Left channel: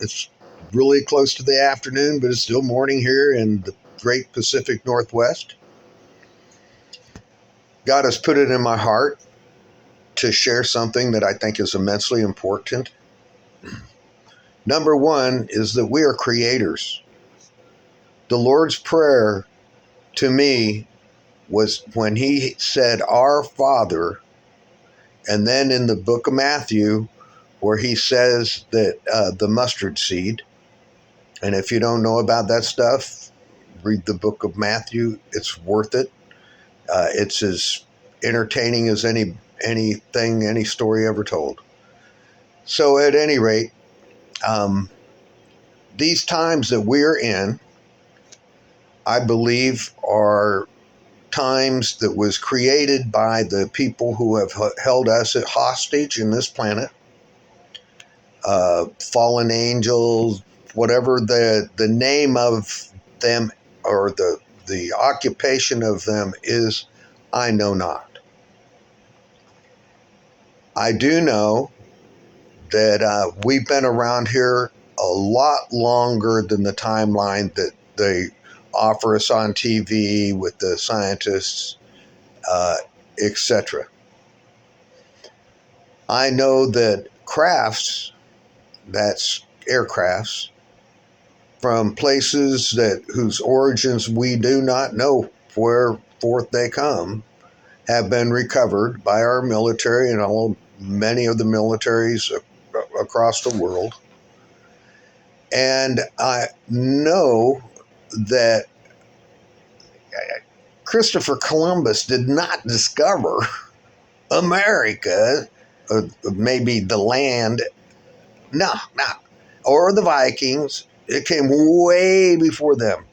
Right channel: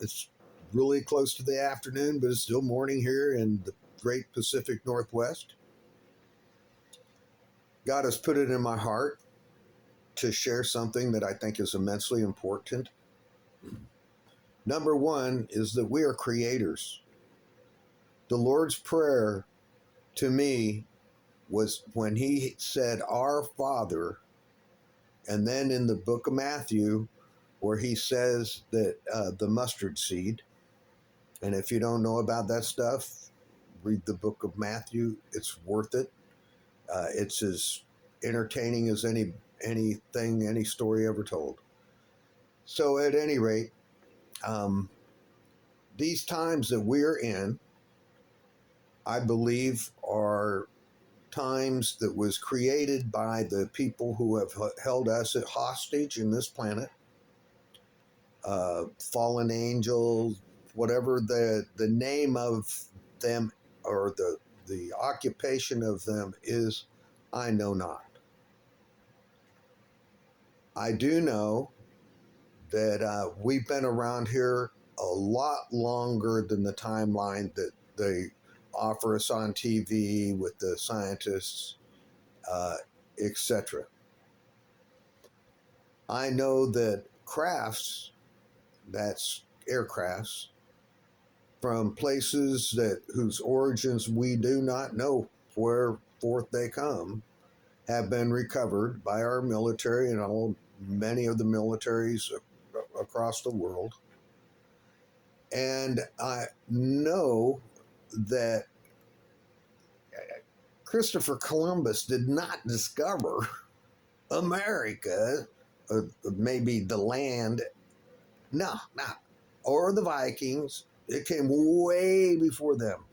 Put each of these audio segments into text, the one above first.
It's really close to the afternoon, but it's still morning here in the great Pacific Northwest. God has put it in my heart to share something that I think is immensely important. Number one is that we are creators. The Lord's Prayer to me was when he said, Our Father, and then in the book of Matthew, where he says that the mustard seed, and if you don't know about that stuff, read the book of Matthew. It's worth it. It's as entertaining as any story ever told. So at any rate, these times that we're in, I believe, are times that was created by the people who have held us at hostage in this planet, fallen angels, whatever the name of them or the occupation of them is, I know not. I do know that we've been around here a lot longer than the timeline that they offer us on TV with the scientists, etc. I know that crafts, that's aircrafts, from places that whose origins we do not know where forth they come, have been recovered by our military and many of the militaries across the world. And I know that Christopher Columbus did not discover America, maybe the land, no, or the Vikings. It came way before them.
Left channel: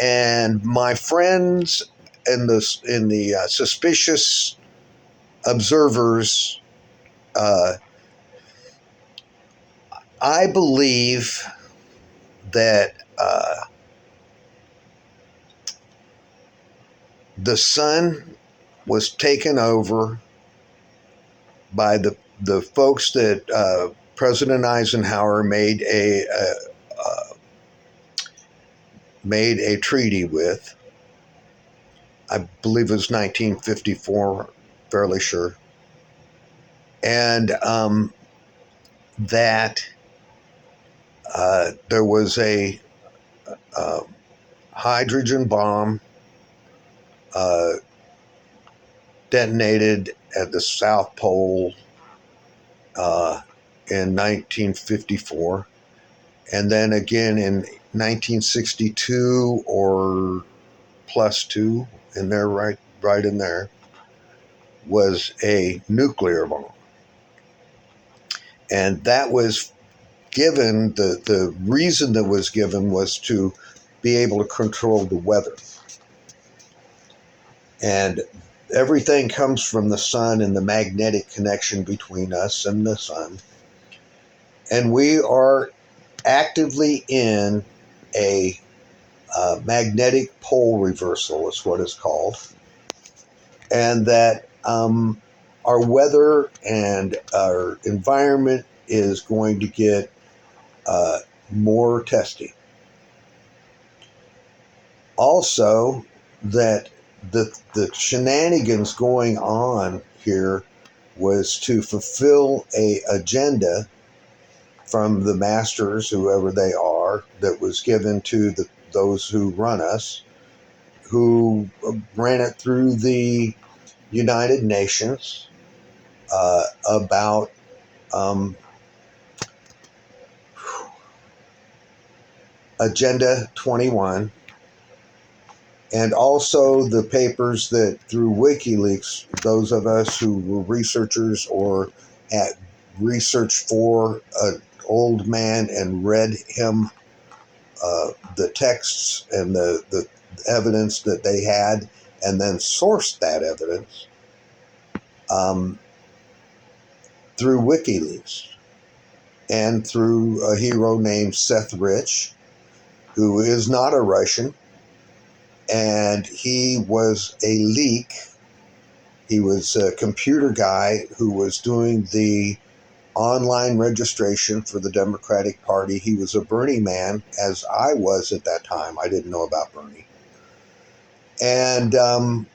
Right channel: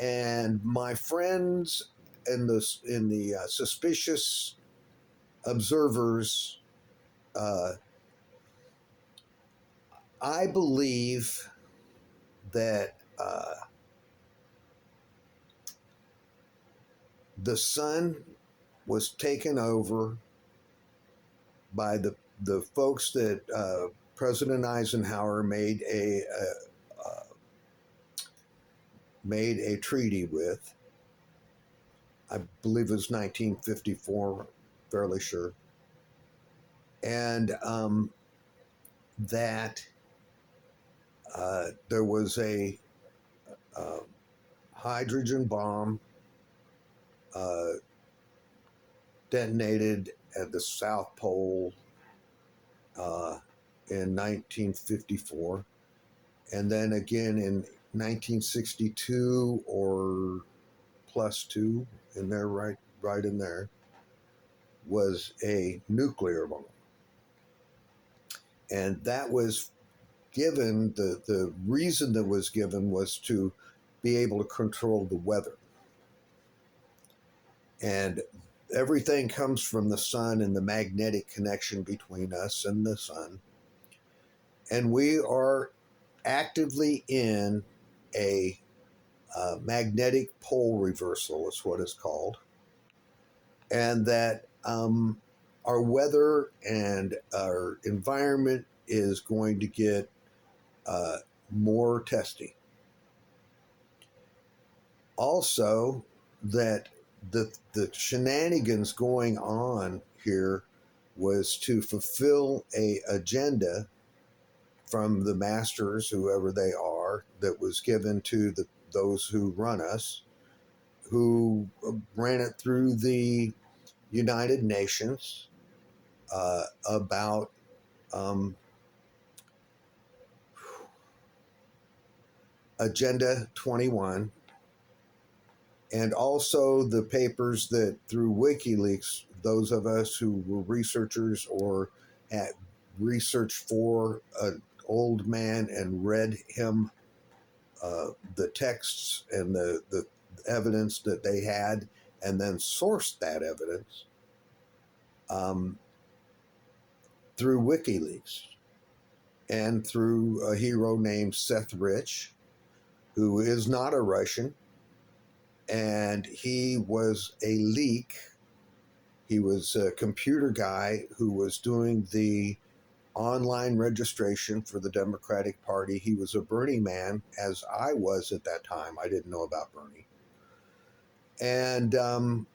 And my friends in the suspicious observers, I believe that the sun was taken over by the folks that President Eisenhower made a treaty with. I believe it was 1954, fairly sure. And that there was a hydrogen bomb detonated at the South Pole in 1954, and then again in 1962 or plus two, in there, right in there, was a nuclear bomb. And that was given, the reason that was given was to be able to control the weather. And everything comes from the sun and the magnetic connection between us and the sun. And we are actively in a magnetic pole reversal, is what it's called. And that our weather and our environment is going to get more testy. Also, that the shenanigans going on here was to fulfill a agenda from the masters, whoever they are, that was given to those who run us, who ran it through the United Nations about Agenda 21, and also the papers that through WikiLeaks, those of us who were researchers or had researched for an old man and read him the texts and the evidence that they had, and then sourced that evidence through WikiLeaks and through a hero named Seth Rich, who is not a Russian, and he was a leak. He was a computer guy who was doing the online registration for the Democratic Party. He was a Bernie man, as I was at that time. I didn't know about Bernie. And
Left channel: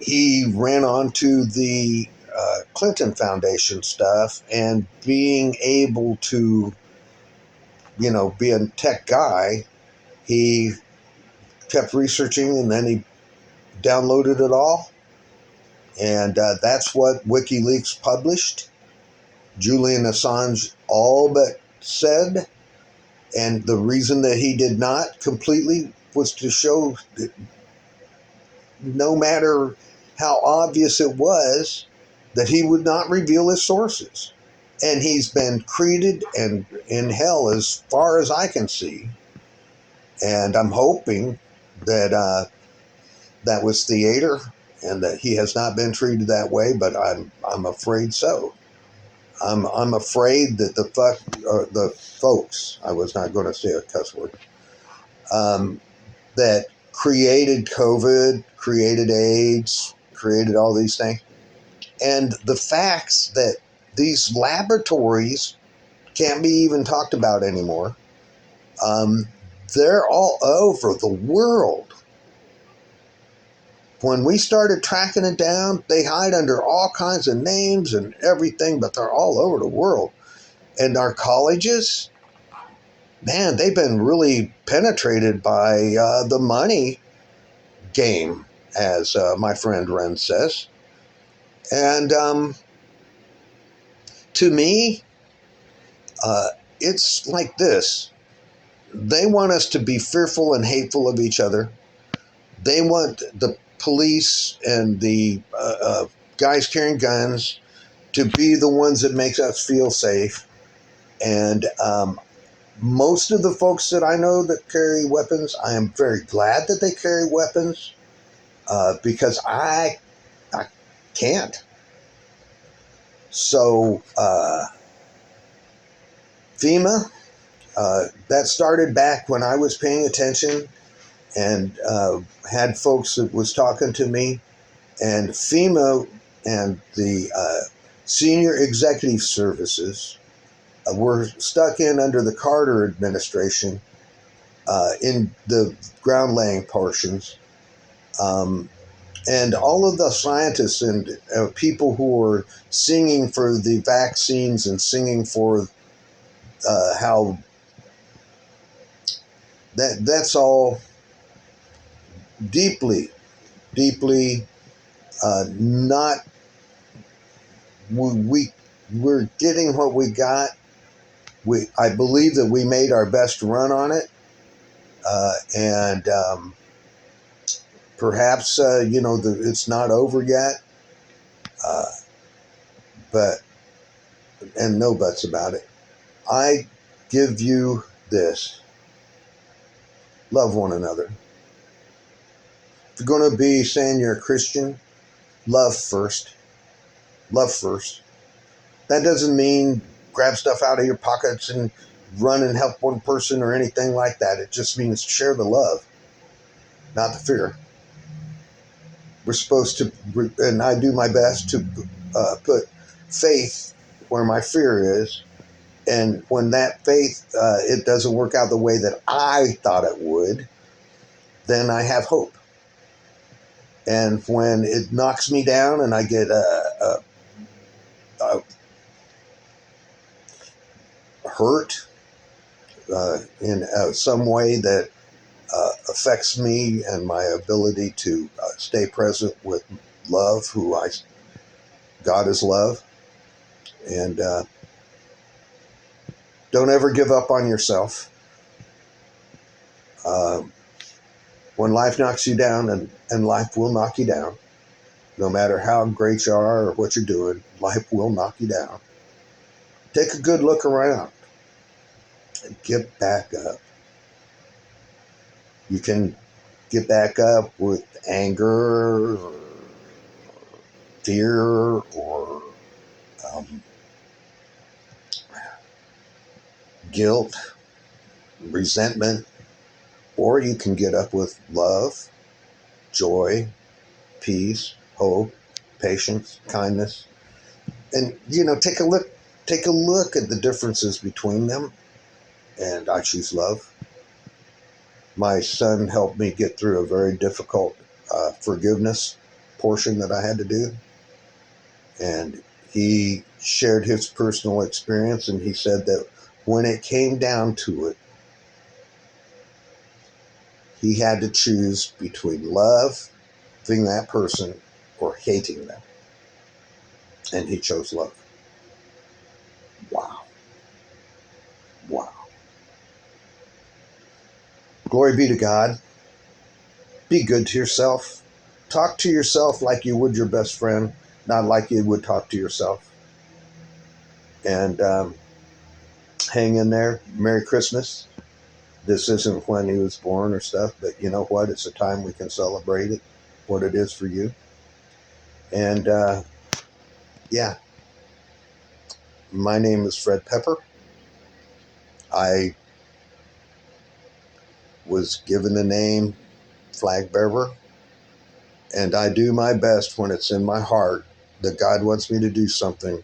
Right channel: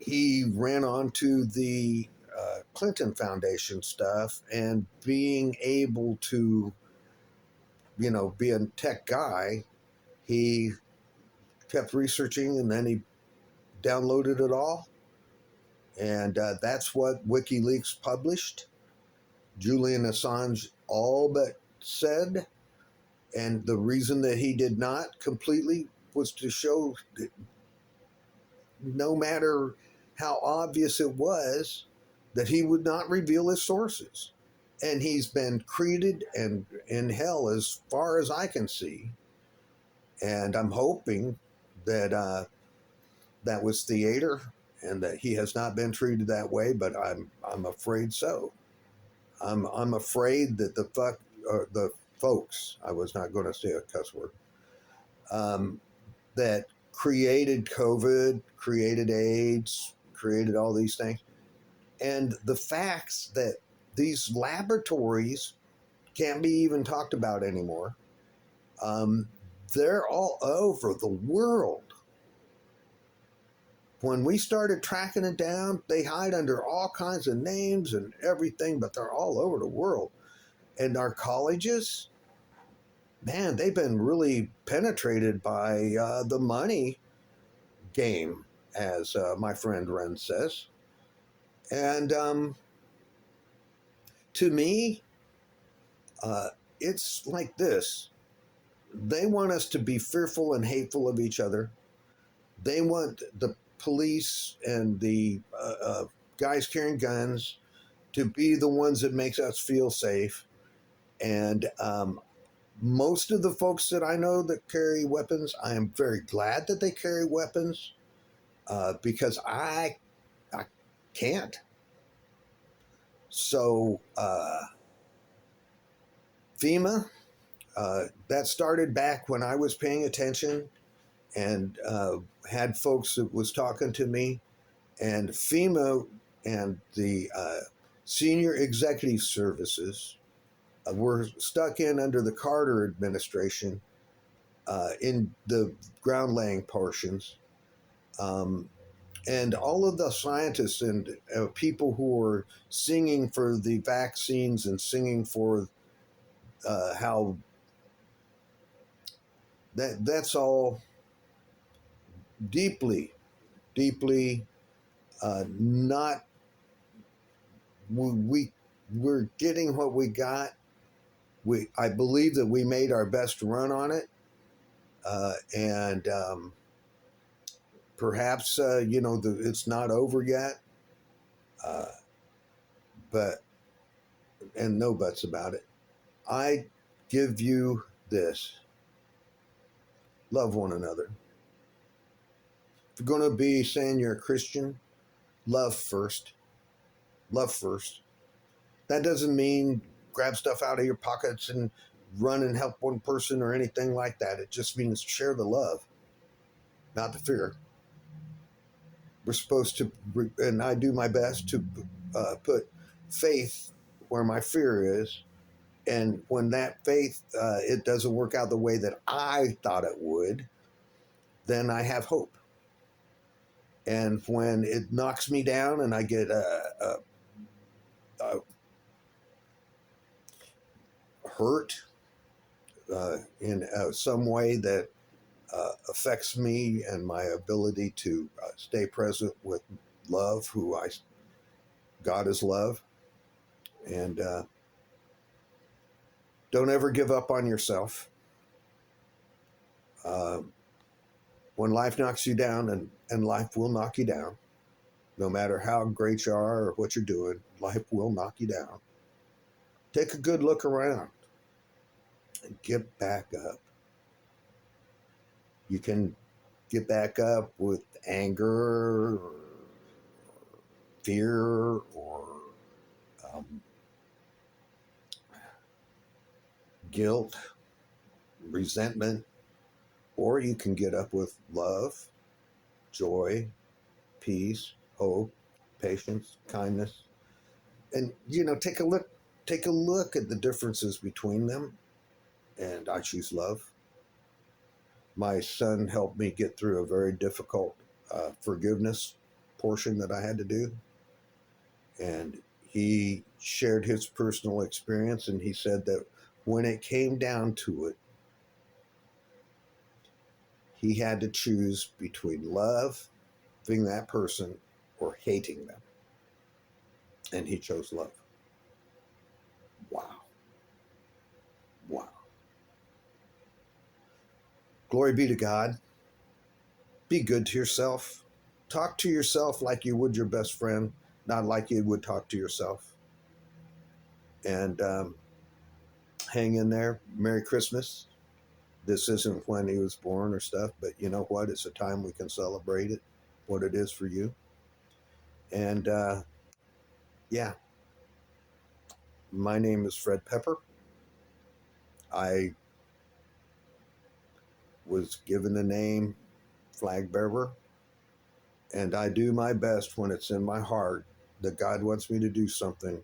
he ran on to the Clinton Foundation stuff, and being able to, be a tech guy, he kept researching, and then he downloaded it all. And that's what WikiLeaks published. Julian Assange all but said. And the reason that he did not completely was to show that no matter how obvious it was, that he would not reveal his sources. And he's been created and in hell as far as I can see. And I'm hoping that that was theater and that he has not been treated that way, but I'm afraid so. I'm afraid that the folks, I was not going to say a cuss word, that created COVID, created AIDS, created all these things, and the facts that these laboratories can't be even talked about anymore. They're all over the world. When we started tracking it down, they hide under all kinds of names and everything, but they're all over the world. And our colleges, man, they've been really penetrated by the money game, as my friend Ren says. And to me, it's like this. They want us to be fearful and hateful of each other. They want the police and the guys carrying guns to be the ones that make us feel safe. And most of the folks that I know that carry weapons, I am very glad that they carry weapons because I can't. So FEMA, that started back when I was paying attention and had folks that was talking to me. And FEMA and the Senior Executive Services were stuck in under the Carter administration in the ground laying portions. And all of the scientists and people who were singing for the vaccines and singing for how that's all deeply not, we're getting what we got. I believe that we made our best run on it, and perhaps it's not over yet, but and no buts about it. I give you this: love one another. If you're going to be saying you're a Christian, love first. Love first. That doesn't mean grab stuff out of your pockets and run and help one person or anything like that. It just means share the love, not the fear. We're supposed to, and I do my best to put faith where my fear is. And when that faith, it doesn't work out the way that I thought it would, then I have hope. And when it knocks me down and I get hurt in some way that affects me and my ability to stay present with love, God is love. And don't ever give up on yourself. When life knocks you down, and life will knock you down, no matter how great you are or what you're doing, life will knock you down. Take a good look around and get back up. You can get back up with anger, or fear, or guilt, resentment, or you can get up with love, joy, peace, hope, patience, kindness, And take a look at the differences between them. And I choose love. My son helped me get through a very difficult forgiveness portion that I had to do. And he shared his personal experience, and he said that when it came down to it, he had to choose between loving that person or hating them. And he chose love. Wow. Wow. Glory be to God. Be good to yourself. Talk to yourself like you would your best friend, not like you would talk to yourself. And hang in there. Merry Christmas. This isn't when he was born or stuff, but you know what? It's a time we can celebrate it, what it is for you. And yeah, my name is Fred Pepper. I was given the name Flag Bearer, and I do my best when it's in my heart that God wants me to do something,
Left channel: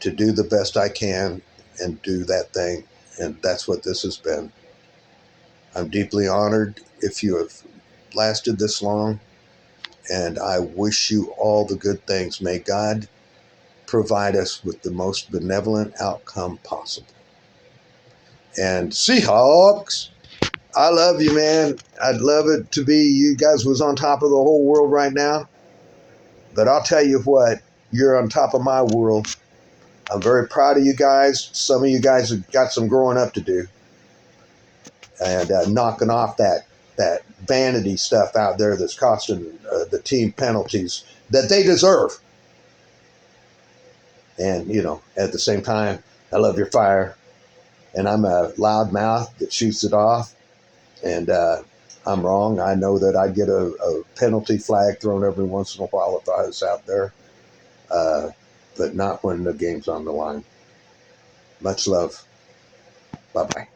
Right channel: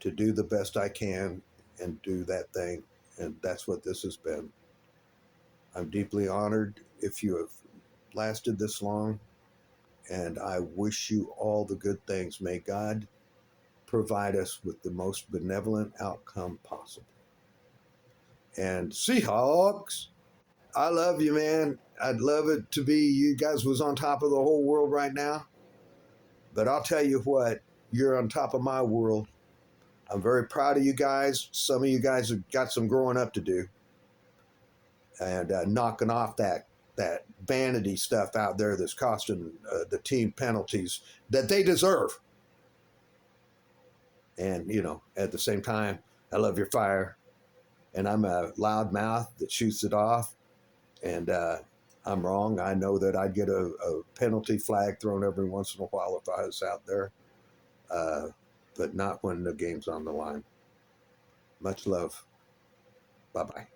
to do the best I can and do that thing. And that's what this has been. I'm deeply honored if you have lasted this long, and I wish you all the good things. May God provide us with the most benevolent outcome possible. And Seahawks, I love you, man. I'd love it to be you guys was on top of the whole world right now. But I'll tell you what, you're on top of my world. I'm very proud of you guys. Some of you guys have got some growing up to do, and knocking off that vanity stuff out there that's costing the team penalties that they deserve. And at the same time, I love your fire, and I'm a loud mouth that shoots it off. And I'm wrong. I know that I'd get a penalty flag thrown every once in a while if I was out there, but not when the game's on the line. Much love. Bye-bye.